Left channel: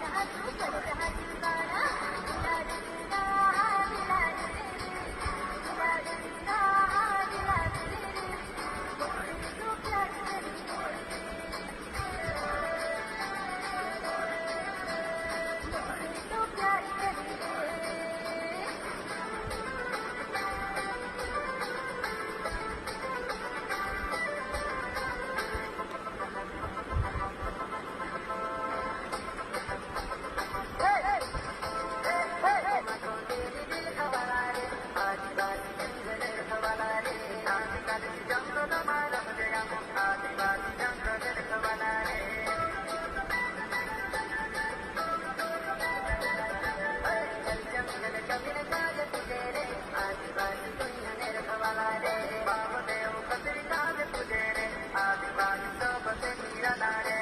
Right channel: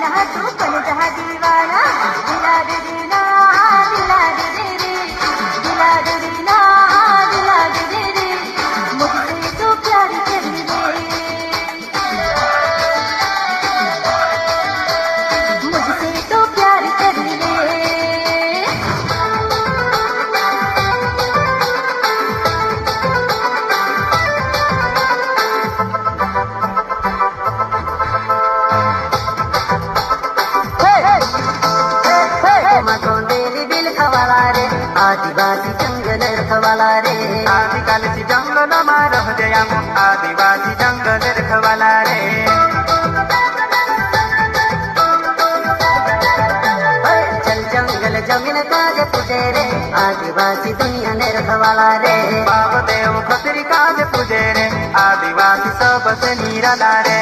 दीवाना तू बन जा दीवाना दिला दे देना दिला दे दे रे दिला दे देना दिला दे दे रे मुझसे तो प्यार कर ले मुझसे तो प्यार कर ले आदिवासी जंगल रखवाला रे आजकाल जंगल में रह गया आदिवासी जंगल रखवाला रे चल जंगल जमीन काज पूजे रे आदिवासी दुनिया ने रखवाला रे बाबा देव खतरी काज पूजे रे आदिवासी सबसे निराला रे